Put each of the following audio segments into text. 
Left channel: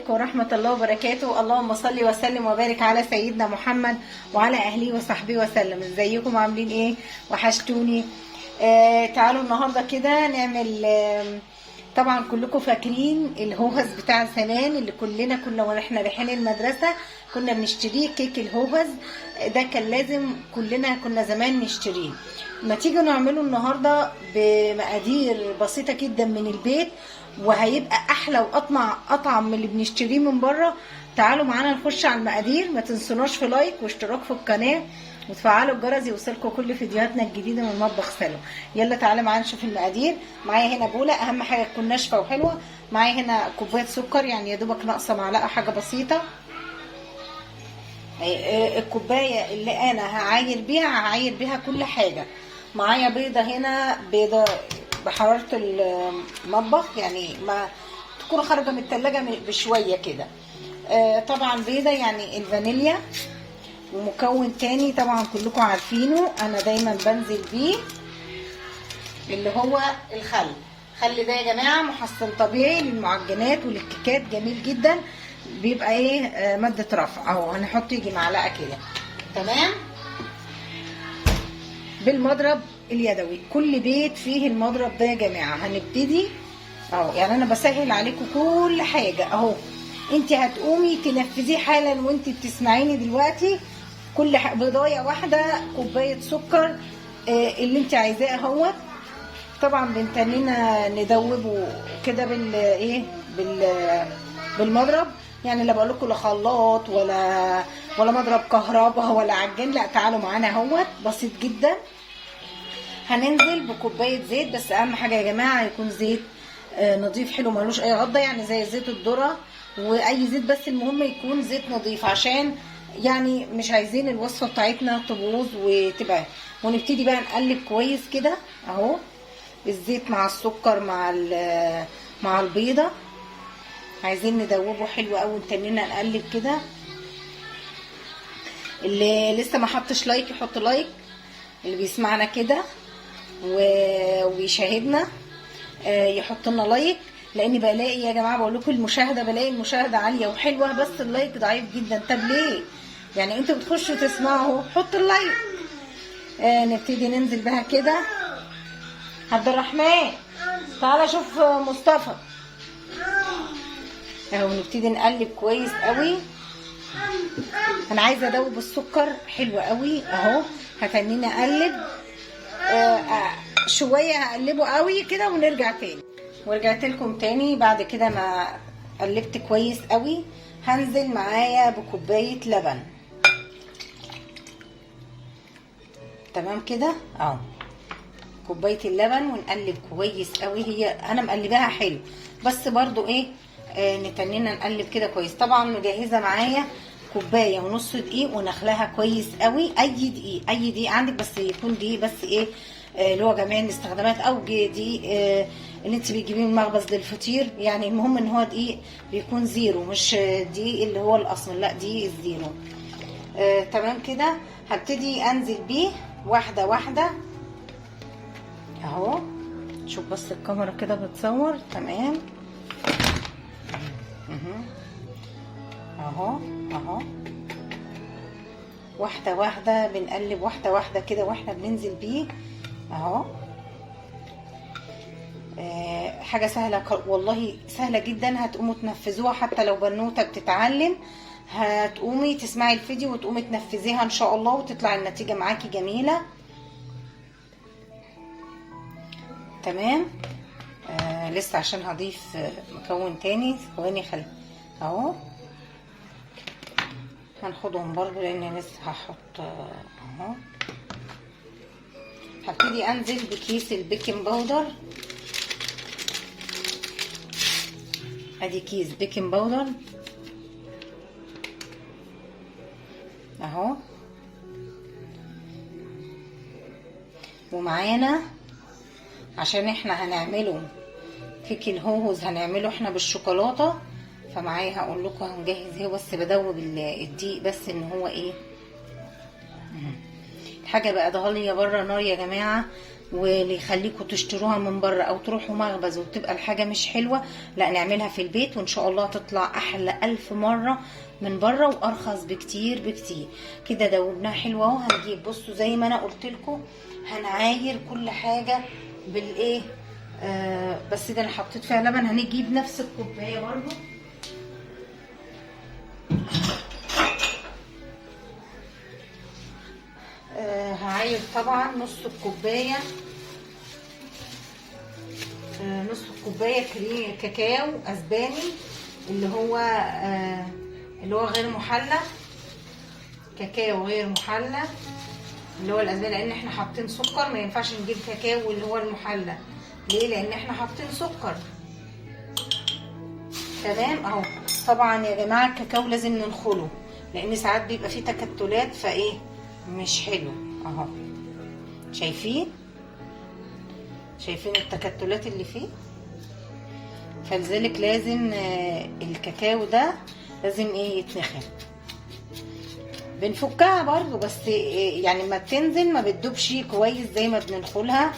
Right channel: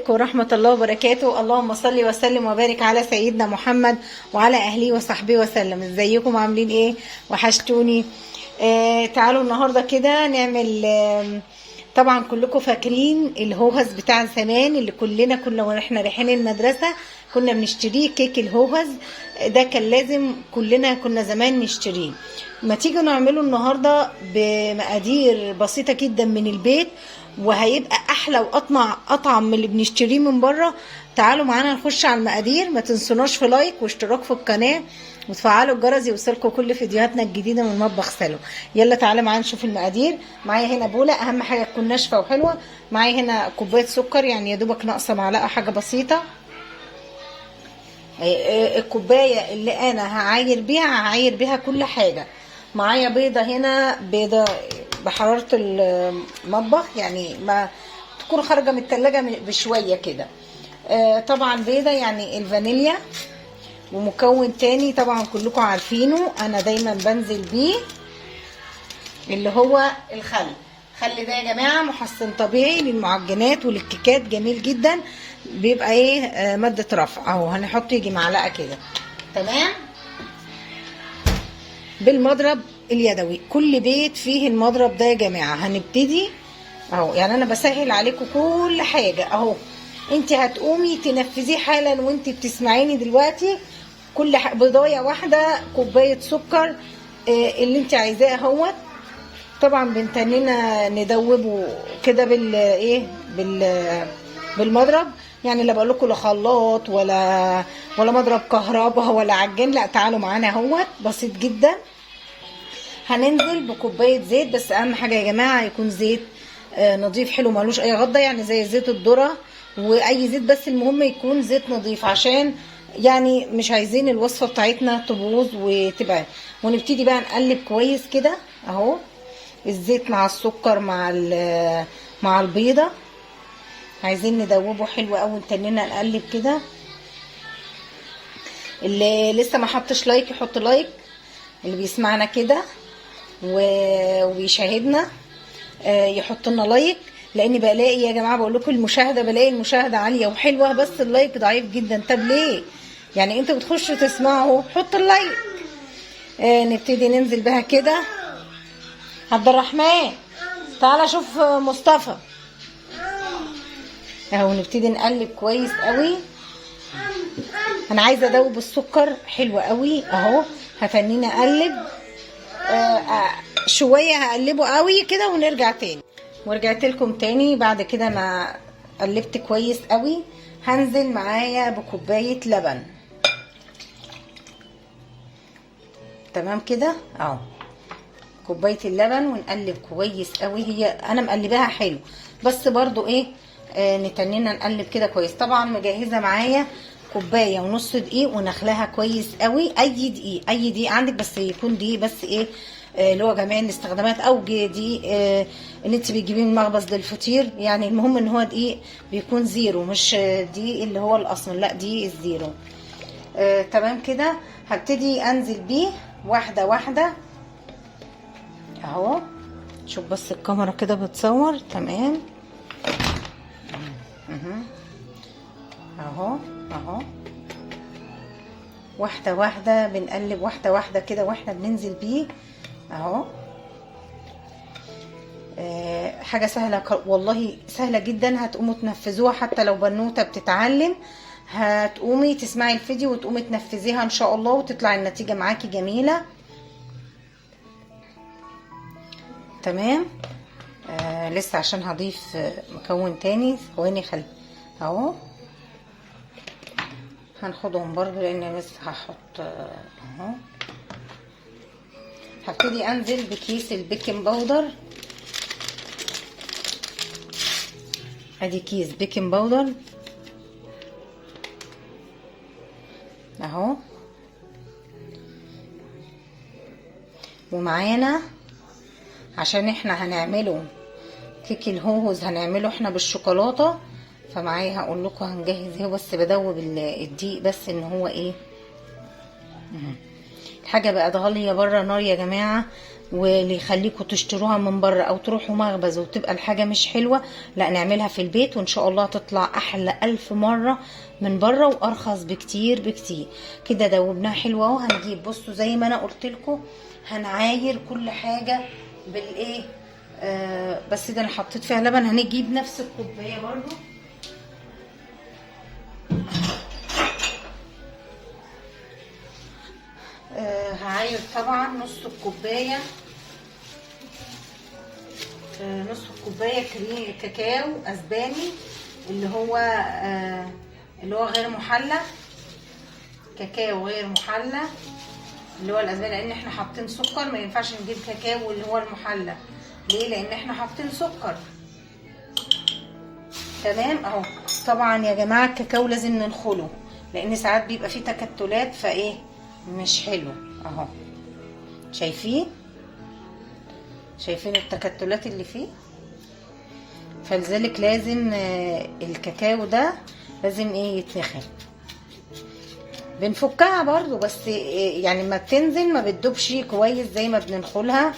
عليكم ورحمة الله وبركاته. اللهم صل وسلم وبارك على سيدنا محمد وعلى أهله وصحبه وسلم. ازيكم عاملين ايه؟ وحشتوني. تعالوا النهاردة كده نعمل طبعا كلكم فاكرين الهوهز بتاع زمان اللي كنا واحنا رايحين المدرسة كنا بنشتريه، كيك الهوهز ده كان لازم كلنا كنا زمان نشتريه. ما تيجوا نعمله النهاردة بمقادير بسيطة جدا من البيت، وهيبقى احلى واطعم من اللي بنشتريه من بره. تعالوا معانا نخش على المقادير. ما تنسوناش في لايك واشتراك في القناه وتفعلوا الجرس يوصلكم كل فيديوهاتنا الجديده من مطبخ سلوى. يلا تعالوا معانا نشوف المقادير. معايا هنا بوله، اهم حاجه تكون ناشفه وحلوه. معايا هنا كوبايه سكر، يعني يا دوبك ناقصه معلقه، حاجه بسيطه. الكوبايه اللي انا هعاير بيها كل حاجه. معايا بيضه، هنا بيضه بحراره المطبخ، يعني ما تكون خارجه من التلاجة بشويه كده. طبعا بيضه يعني الفانيليا. ومكون تاني طبعا كلكم عارفينه انا دايما بنزل بيه، اللي هو الخل. الخل ده يا جماعه محسن طبيعي للمعجنات وللكيكات، جميل جدا، بيبقى ايه ماده رفع. اهو هنحط يجي معلقه كده. تمام. بالمضرب اليدوي، كل بيت فيه المضرب ده يا جماعه. هنبتدي اهو، يعني انا بسهل عليكم كل حاجه اهو. انت هتقومي تنفذيه حالا وانت بتسمعيني دلوقتي. كل بيضايه واحده، كوبايه سكر، اللي انت عايزاه اهوت. طبعا بنتنينا ندوبه كده بالمضرب، يعني لا بقول لكم لا خلاط ولا مضرب كهرباء ولا عجين، لا تعالوا معانا اهوت، بسيط جدا. هننزل بكوبايه زيت، بس اهم حاجه يا جماعه يكون زيت نظيف حلو مالوش اي غضه، يعني زي زيت الذره واي زيت، بس المهم يكون زيت نظيف، عشان يعني مش عايزين الوصفه بتاعتنا تبوظ وتبقى. ونبتدي بقى نقلب كويس كده اهو، الزيت مع السكر مع البيضه. عايزين ندوبه حلو قوي، نتنينا نقلب كده. اللي لسه ما حطش لايك يحط لايك، اللي بيسمعنا كده ويشاهدنا يحط لنا لايك، لان بلاقي يا جماعه بقول لكم بلاقي المشاهده عاليه وحلوه، بس اللايك ضعيف جدا. طب ليه؟ يعني انتوا بتخشوا تسمعوا، حط اللايك. نبتدي ننزل بها كده. عبد الرحمن تعالى شوف مصطفى اهو. نبتدي نقلب كويس قوي. انا عايزه ادوب السكر حلو قوي اهو. هتنيني اقلب شويه، هقلبه قوي كده ونرجع تاني. ورجعت لكم تاني بعد كده ما قلبت كويس قوي. هنزل معايا بكوبايه لبن. تمام كده اهو، كوبايه اللبن، ونقلب كويس قوي. هي انا مقلباها حلو، بس برضو ايه نتنينا نقلب كده كويس. طبعا مجهزه معايا كوبايه ونص دقيق، ونخلها كويس قوي. اي دقيق عندك، بس يكون دقيق بس ايه اللي هو جميع الاستخدامات، او دقيق اللي انت بتجيبيه من مخبز للفطير. يعني المهم ان هو دقيق بيكون زيرو، مش دقيق اللي هو الاصل، لا دقيق الزيرو. تمام كده. هبتدي انزل بيه واحده واحده اهو. شوف بس الكاميرا كده بتصور تمام اهو واحده واحده بنقلب، واحده واحده كده واحنا بننزل بيه اهو. حاجه سهله والله، سهله جدا. هتقوموا تنفذوها، حتى لو بنوته بتتعلم هتقومي تسمعي الفيديو وتقومي تنفذيها ان شاء الله، وتطلع النتيجه معاكي جميله. تمام. لسه عشان هضيف مكون تاني، ثواني اهو. هناخدهم برضو لان لسه هحط اهو. هبتدي انزل بكيس البيكنج باودر. ادي كيس بيكنج باودر اهو. ومعانا عشان احنا هنعمله كيك الهوهوز، هنعمله احنا بالشوكولاته، فمعايا هقول لكم هنجهز ايه. بس بدوب الدقيق بس ان هو ايه. حاجه بقت غاليه بره نار يا جماعه، واللي يخليكم تشتروها من بره او تروحوا مخبز وتبقى الحاجه مش حلوه، لا نعملها في البيت وان شاء الله تطلع احلى 1000 مره من بره وارخص بكتير بكتير. كده دوبناها حلوه اهو. هنجيب بصوا زي ما انا قلت لكم هنعاير كل حاجه بالايه، بس ده انا حطيت فيها لبن. هنجيب نفس الكوبايه برضو، هعاير طبعا نص الكوبايه، نص الكوبايه كريم كاكاو اسباني اللي هو غير محلى، كاكاو غير محلى اللي هو الاسباني، لان احنا حاطين سكر. ما ينفعش نجيب كاكاو اللي هو المحلى. ليه؟ لان احنا حاطين سكر. تمام اهو. طبعا يا جماعه الكاكاو لازم ننخله لان ساعات بيبقى فيه تكتلات فايه مش حلو اهو. شايفين التكتلات اللي فيه؟ فلذلك لازم الكاكاو ده لازم ايه يتنخل. بنفكها برضو بس يعني ما بتنزل ما بتدوبش كويس زي ما بننخلها.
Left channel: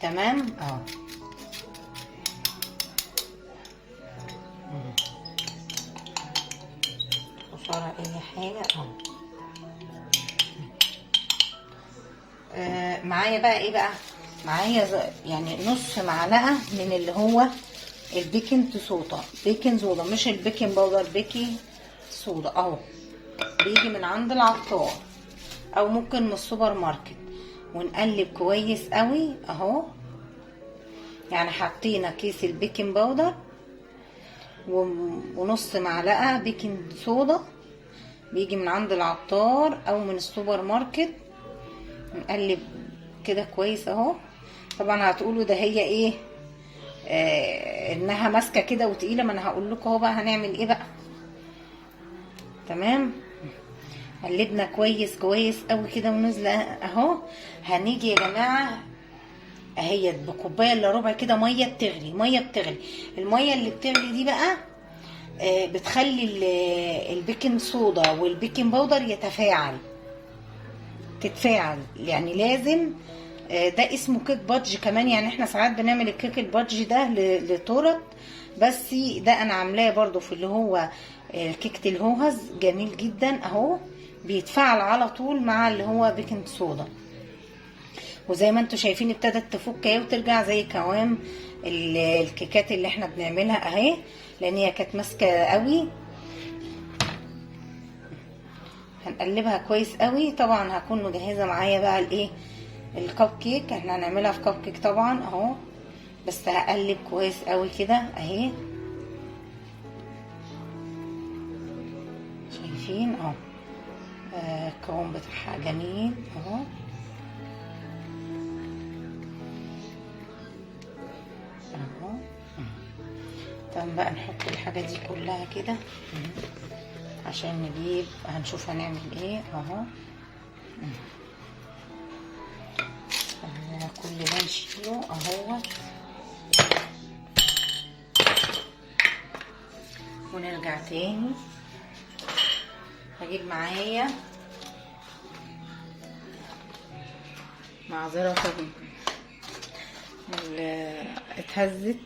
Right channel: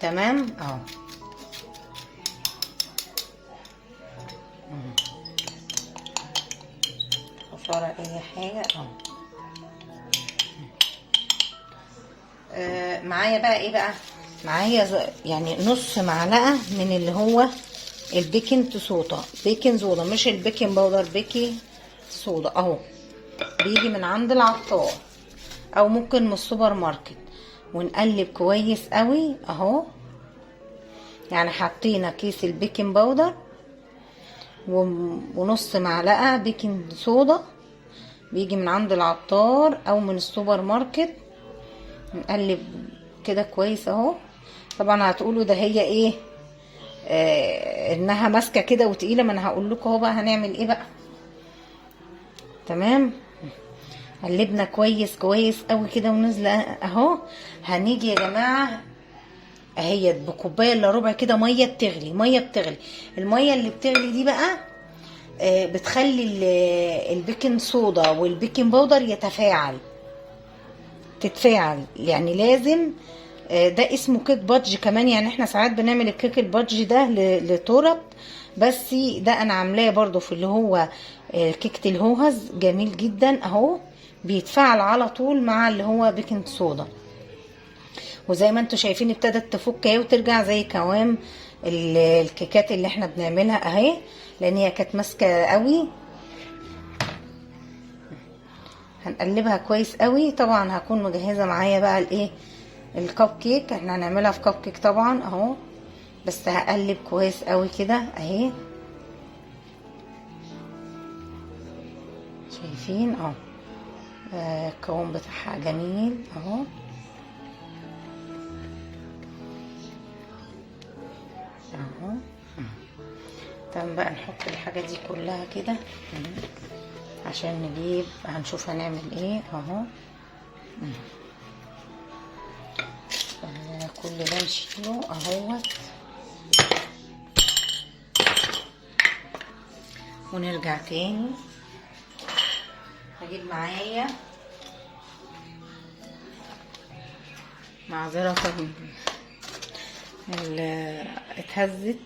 تمام اهو. ولا اي حاجه اهو. معايا بقى ايه بقى؟ معايا يعني نص معلقه من اللي هو البيكنج صودا، بيكنج صودا مش البيكنج باودر، بيكنج صودا اهو. بيجي من عند العطار او ممكن من السوبر ماركت. ونقلب كويس قوي اهو. يعني حطينا كيس البيكنج باودر ونص معلقه بيكنج صودا بيجي من عند العطار او من السوبر ماركت. نقلب كده كويس اهو. طبعا هتقولوا ده هي ايه انها ماسكه كده وتقيله، ما انا هقول لكم اهو بقى هنعمل ايه بقى. تمام. قلبنا كويس كويس قوي كده ونزله اهو. هنيجي يا جماعه اهي بكوبايه الا ربع كده ميه بتغلي. الميه اللي بتغلي دي بقى بتخلي البيكنج صودا والبيكنج باودر تتفاعل. يعني لازم ده اسمه كيك بادج كمان. يعني احنا ساعات بنعمل الكيك البادج ده لتورت، بس ده انا عاملاه برضو في اللي هو كيكه الهوهز. جميل جدا اهو. بيتفاعل على طول مع اللي هو بيكنج صودا. وزي ما انتم شايفين ابتدت تفك اهي وترجع زي قوام الكيكات اللي احنا بنعملها اهي، لان هي كانت ماسكه قوي. هنقلبها كويس قوي. طبعا هكون مجهزه معايا بقى الايه الكب كيك. احنا هنعملها في كب كيك طبعا اهو. بس هقلب كويس قوي كده اهي. شايفين اهو القوام بتاعها جميل اهو. اهو. تمام بقى نحط الحاجه دي كلها كده عشان نجيب. هنشوف هنعمل ايه اهو. كل ده نشيله اهو ونرجع تاني. هجيب معايا معذرة اللي اتهزت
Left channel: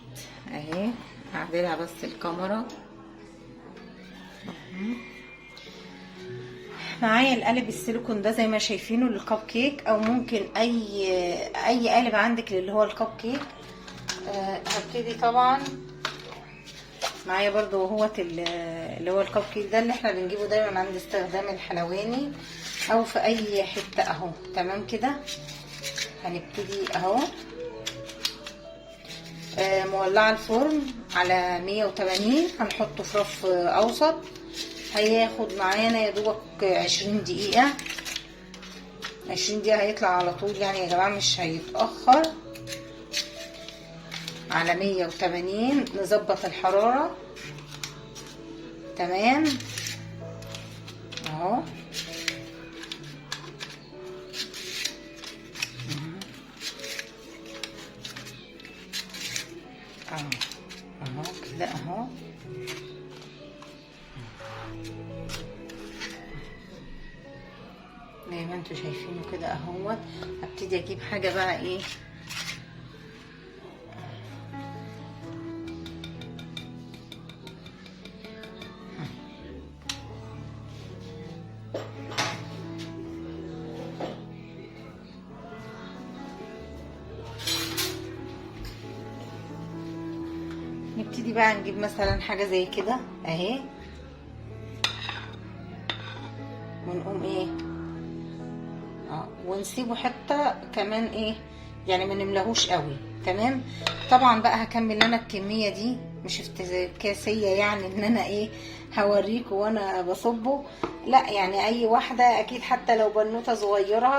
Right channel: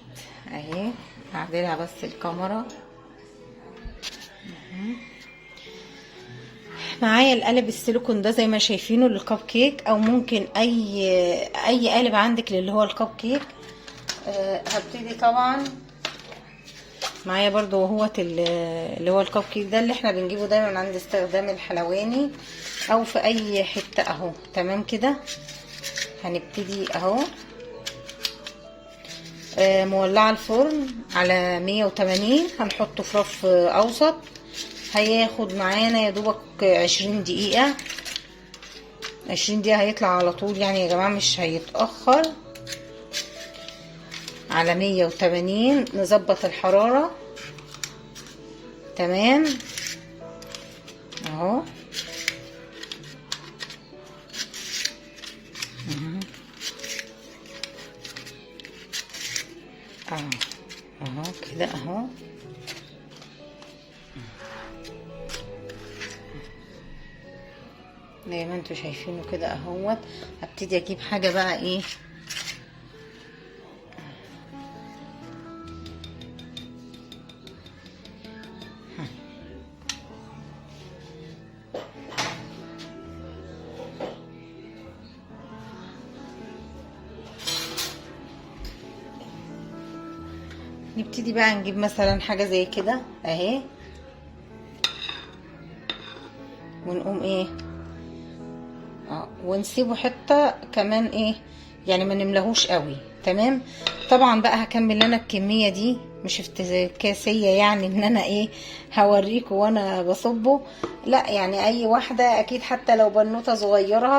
اهي، هعدلها بس الكاميرا. معايا القالب السيليكون ده زي ما شايفينه للكب كيك، او ممكن اي قالب عندك اللي هو الكب كيك. هبتدي طبعا معايا برضو هوت اللي هو الكب كيك ده اللي احنا بنجيبه دايما عند استخدام الحلواني او في اي حته اهو. تمام كده. هنبتدي اهو مولعه الفرن على 180. هنحطه في رف اوسط. هياخد معانا يا دوبك 20 دقيقه. 20 دقيقه هيطلع على طول يعني يا جماعه، مش هيتاخر. على 180 نظبط الحراره. تمام اهو. اهو كده اهو. انتوا شايفينه كده اهوت. هبتدي اجيب حاجه بقى ايه، نبتدي بقى نجيب مثلا حاجه زي كده اهي، ونقوم ايه ونسيبه حته كمان ايه، يعني ما نملهوش قوي. تمام. طبعا بقى هكمل انا الكميه دي، مش افتكاسيه يعني ان انا ايه هوريكم وانا بصبه، لا يعني اي واحده اكيد حتى لو بنوته صغيره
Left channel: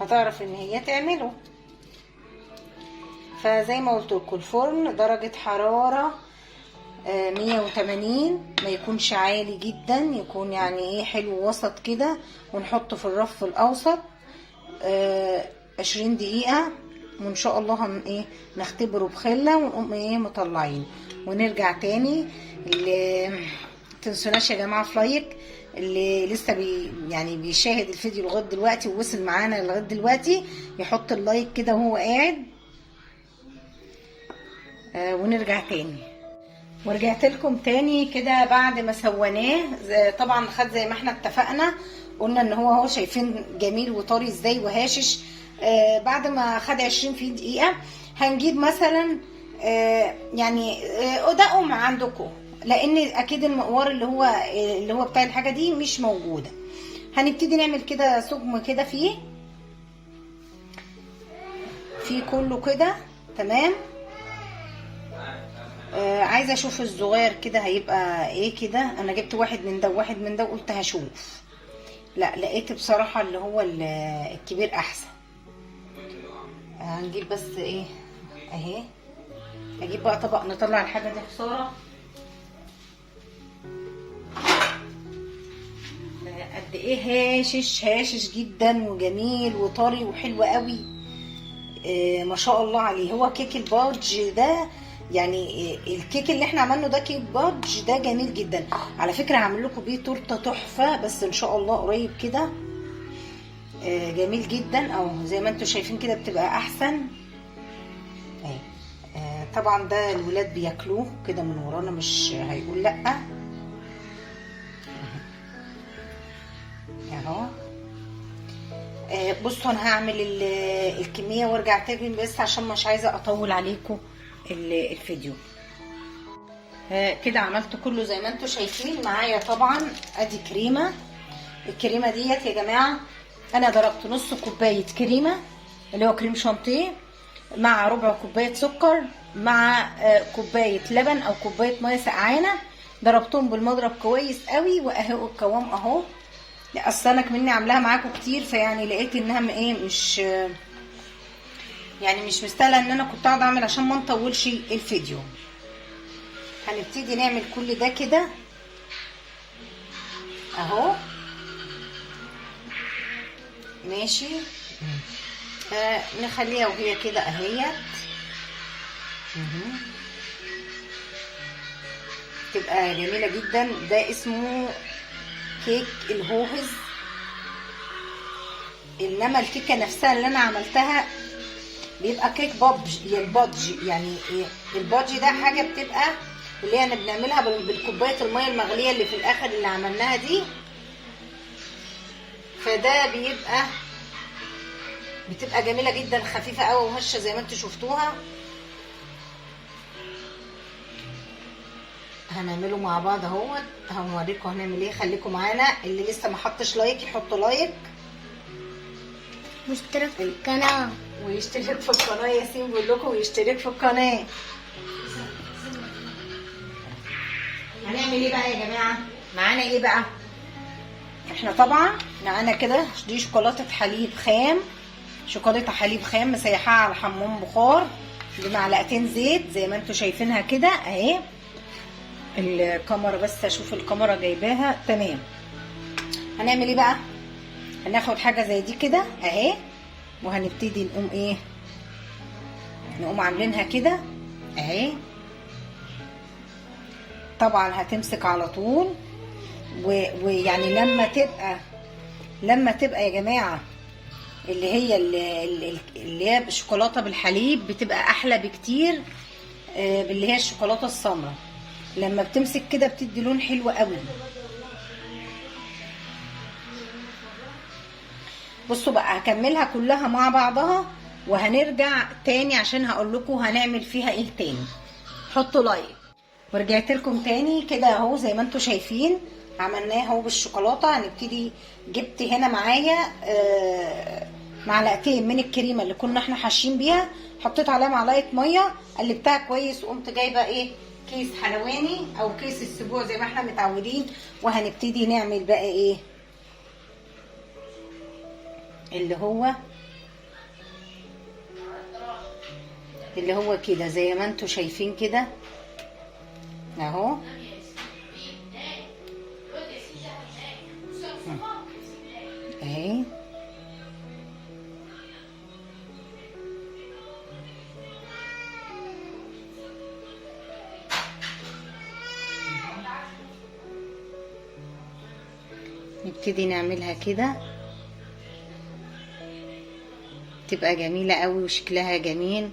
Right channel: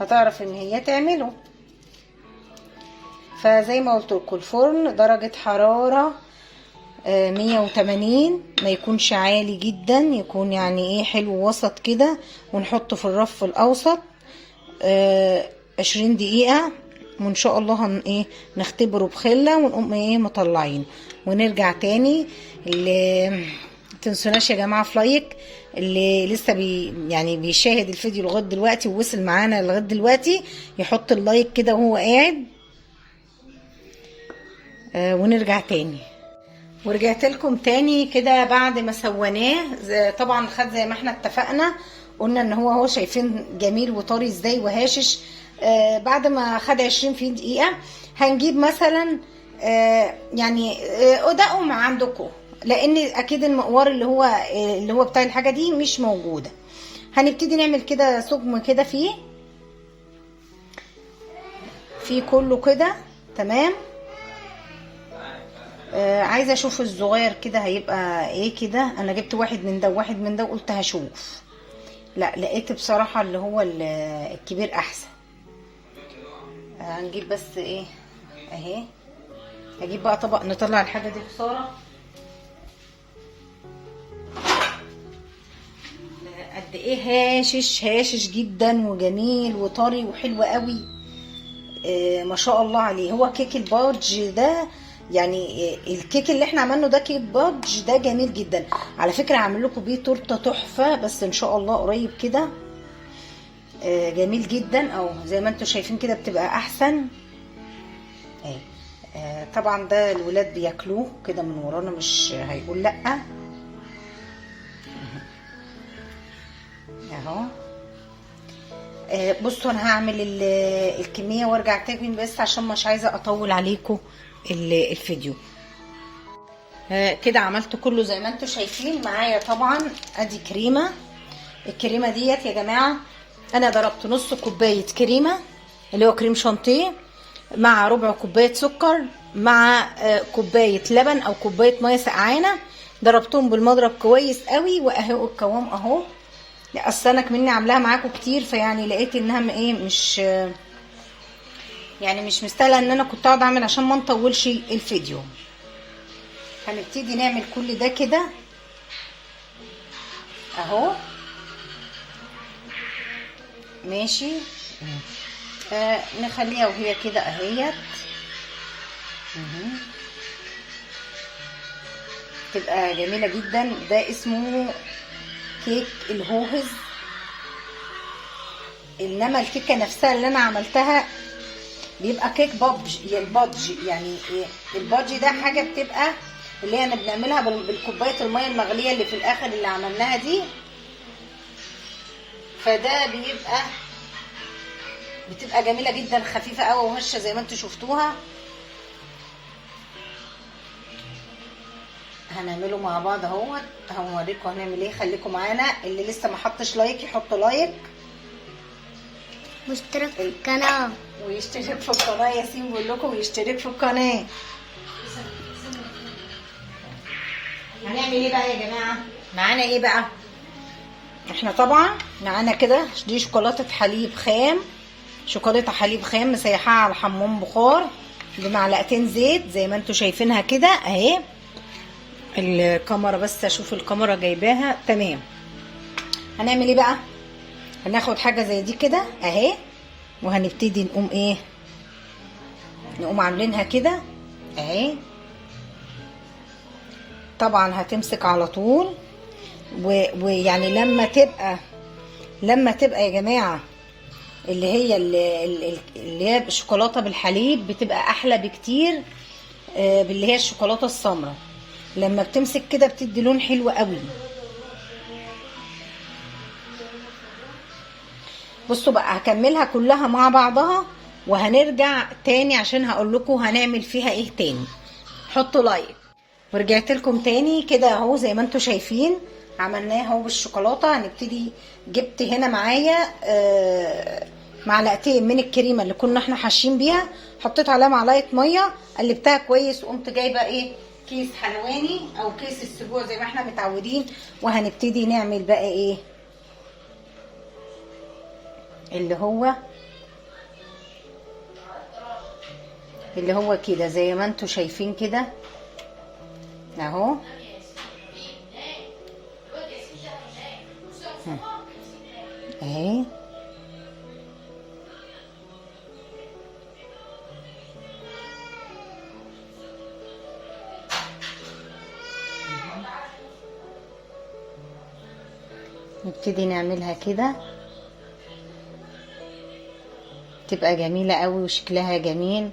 هتعرف ان هي تعمله. فزي ما قلت لكم الفرن درجه حراره 180، ما يكونش عالي جدا، يكون يعني ايه حلو وسط كده، ونحطه في الرف الاوسط 20 دقيقة، وان شاء الله ايه نختبره بخلة ونقوم ايه مطلعين. ونرجع تاني. اللي تنسوناش يا جماعة في لايك، اللي لسه يعني بيشاهد الفيديو لغاية دلوقتي ووصل معانا لغاية دلوقتي يحط اللايك كده وهو قاعد. ونرجع تاني. ورجعت لكم تاني كده بعد ما سويناه. طبعا خد زي ما احنا اتفقنا، قلنا ان هو شايفين جميل وطري ازاي وهاشش. بعد ما خد 20 في دقيقة هنجيب مثلا يعني دقوا مع عندكم، لان اكيد المقوار اللي هو بتاع الحاجة دي مش موجودة. هنبتدي نعمل كده سجم كده فيه كله كده. تمام. عايزه اشوف الصغير كده هيبقى ايه كده. انا جبت واحد من ده وواحد من ده وقلت هشوف، لا لقيت بصراحه اللي هو الكبير احسن. هنجيب بس ايه اهي، هجيب بقى طبق نطلع الحاجه دي بسرعه. قد ايه هاشش جدا وجميل وطري وحلو قوي. ما شاء الله عليه. هو كيك البادج ده، يعني الكيك اللي احنا عملناه ده كيك بادج ده جميل جدا على فكره. هعمل لكم بيه تورته تحفه بس ان شاء الله قريب كده. جميل جدا، او زي ما انتم شايفين كده بتبقى احسن اهي. طبعا ده الولاد بياكلوه كده من ورانا، مش هيقول لا اهو. بصوا انا هعمل الكميه وارجع تاني بس عشان مش عايزه اطول عليكم الفيديو. كده عملت كله زي ما انتم شايفين معايا. طبعا ادي كريمه. الكريمه ديت يا جماعه انا ضربت نص كوبايه كريمه اللي هو كريم شانتيه مع ربع كوبايه سكر مع كوبايه لبن او كوبايه ميه سقعانه، ضربتهم بالمضرب كويس قوي واهو القوام اهو. اصل انا كمني عاملاها معاكم كتير، فيعني لقيت انها ايه مش مستاهله ان انا كنت اقعد اعمل عشان ما نطولش الفيديو. هنبتدي نعمل كل ده كده اهو ماشي. نخليها وهي كده اهيت تبقى جميله جدا. ده اسمه كيك الهوهز، انما الكيكه نفسها اللي انا عملتها بيبقى كيك بادج. يعني ايه البادج ده؟ حاجه بتبقى اللي احنا بنعملها بالكوبايه الميه المغليه اللي في الاخر اللي عملناها دي. فده بتبقى جميله جدا، خفيفه قوي وهشه زي ما انتوا شفتوها. هنعمله مع بعض اهوت. هنوريكم هنعمل ايه. خليكم معانا. اللي لسه ما حطش لايك يحط لايك واشترك في القناه ويشترك في القناه. ياسين بيقول لكم ويشترك في القناه. هنعمل ايه بقى يا جماعه؟ معانا ايه بقى؟ احنا طبعا معانا كده دي شوكولاته حليب خام، شوكولاته حليب خام مسيحاها على حمام بخار بمعلقتين زيت زي ما انتوا شايفينها كده اهي. الكاميرا بس اشوف الكاميرا جايباها تمام. هنعمل ايه بقى؟ هناخد حاجه زي دي كده اهي، وهنبتدي نقوم ايه، نقوم عاملينها كده اهي. طبعا هتمسك على طول، ويعني لما تبقى يا جماعه اللي هي اللي هي الشوكولاته بالحليب بتبقى احلى بكتير باللي هي الشوكولاته السمراء. لما بتمسك كده بتدي لون حلو قوي. بصوا بقى هكملها كلها مع بعضها وهنرجع تاني عشان هقول لكم هنعمل فيها ايه تاني. حطوا لايك. ورجعت لكم تاني كده اهو زي ما انتم شايفين عملناه اهو بالشوكولاته. هنبتدي جبت هنا معايا معلقتين من الكريمه اللي كنا احنا حاشين بيها، حطيت عليها معلقه ميه، قلبتها كويس وقمت جايبه ايه كيس حلواني او كيس السبوع زي ما احنا متعودين. وهنبتدي نعمل بقى ايه اللي هو كده زي ما انتم شايفين كده اهو. اهي نبتدي نعملها كده تبقى جميلة قوي وشكلها جميل.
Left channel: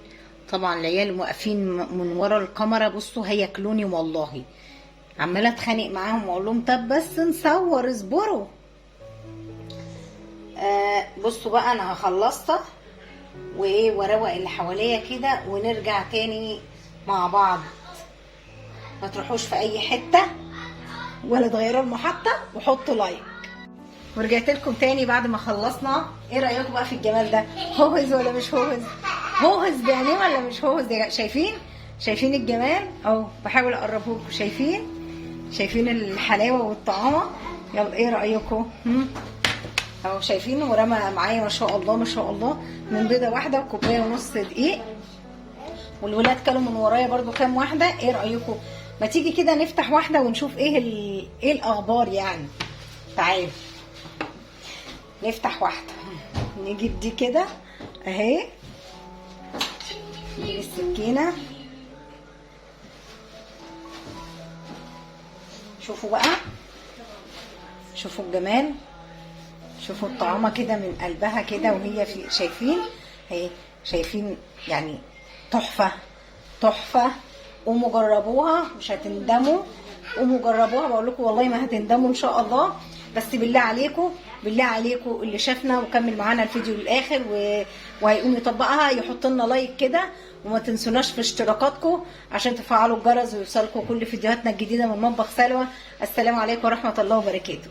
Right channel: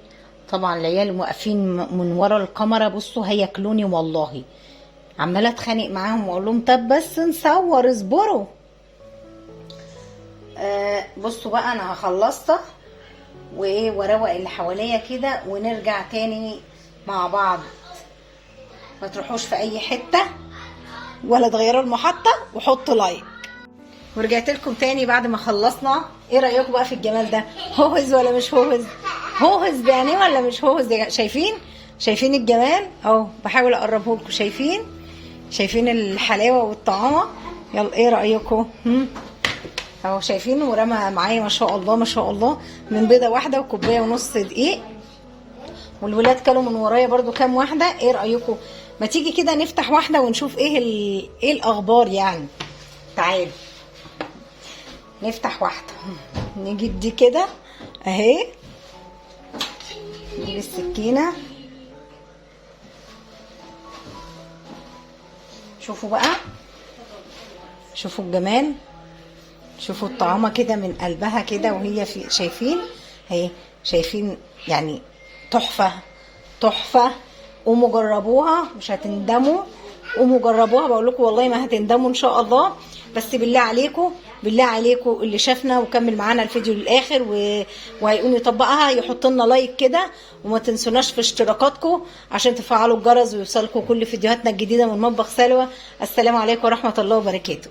طبعا العيال واقفين من ورا الكاميرا بصوا هياكلوني والله، عماله اتخانق معاهم واقول لهم طب بس نصور اصبروا. بصوا بقى انا هخلصها وايه واروق اللي حواليا كده ونرجع تاني مع بعض. ما تروحوش في اي حته ولا تغيروا المحطه وحطوا لايك. ورجعت لكم تاني بعد ما خلصنا. ايه رايكم بقى في الجمال ده؟ هوهز ولا مش هوهز؟ هوهز بعينيه ولا مش هوهز؟ شايفين الجمال اهو. بحاول اقربه لكم. شايفين الحلاوه والطعامه. يلا ايه رايكم؟ اهو شايفين ورمى معايا ما شاء الله ما شاء الله من بيضه واحده وكوبايه ونص دقيق. والولاد كلوا من ورايا برضو كام واحده. ايه رايكم ما تيجي كده نفتح واحده ونشوف ايه الاخبار يعني. تعالوا نفتح واحده. نجيب دي كده اهي، نجيب السكينه. شوفوا بقى، شوفوا الجمال، شوفوا الطعامه كده من قلبها كده وهي في شايفين اهي. شايفين يعني تحفه تحفه. قوموا جربوها مش هتندموا. قوموا جربوها بقول لكم والله ما هتندموا ان شاء الله. بس بالله عليكم اللي شافنا وكمل معانا الفيديو للاخر وهيقوم يطبقها يحط لنا لايك كده. وما تنسوناش في اشتراكاتكم عشان تفعلوا الجرس ويوصلكم كل فيديوهاتنا الجديده من مطبخ سلوى. السلام عليكم ورحمه الله وبركاته.